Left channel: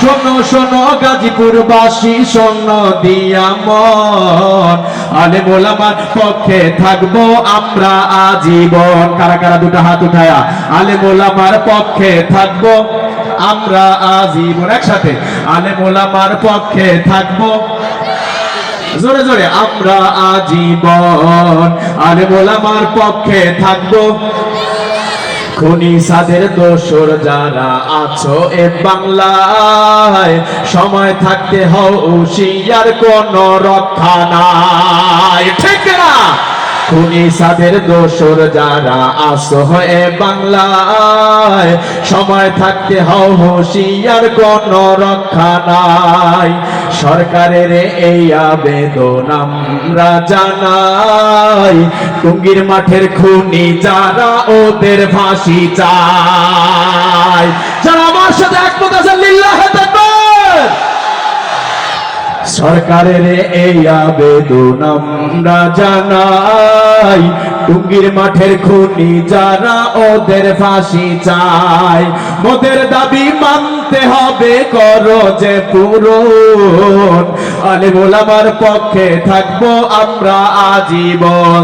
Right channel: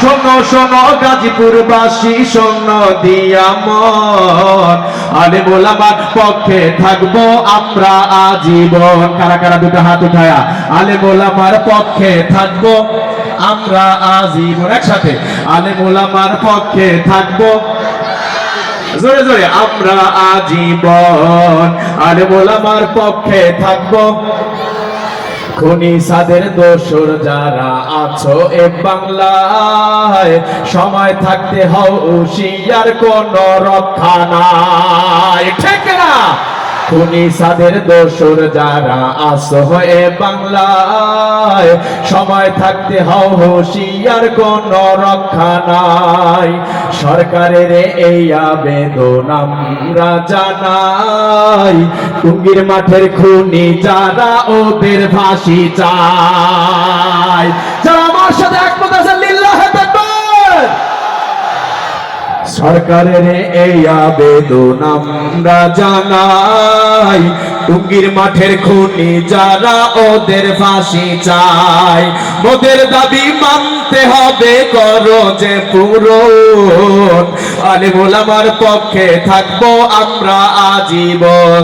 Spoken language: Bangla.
শোনো শোনো, গাজীপুরবাসী, শোন, দিয়া মন। আলে মোলামার পক্ষে থাকব আমরা আজীবন। কারা কারা, দুটো হাত উঠায়া? আলে মোলামার পক্ষে থাকব আমরা আজীবন। একসাথে। আলে মোলামার পক্ষে থাকব। জোরে জোরে, আমরা আজীবন। আলে মোলামার পক্ষে থাকব খনি সাদের দোষর যারা আছো এ বাংলায়, সময় থাকতে হও, হুশিয়ার কোন রক্ষা নাই। ঠিক না খুনি সাদের দোসর যারা এ বাংলায়, সময় থাকতে হও, হুশিয়ার কোন রক্ষা নাই। সরকারের এই আবেদন আমরা জানাই, টুঙ্গির মাঠের খুনি যারা ওদের ফাঁসি চায়। যারা সরকারের এই আবেদন আমরা জানাই। টুঙ্গির মাঠের খুনি যারা ওদের ফাঁসি চাই মোদের দাবি মানতে হবে, করো যে পুরো আলে মোলামার পক্ষে থাকব আমরা আজীবন।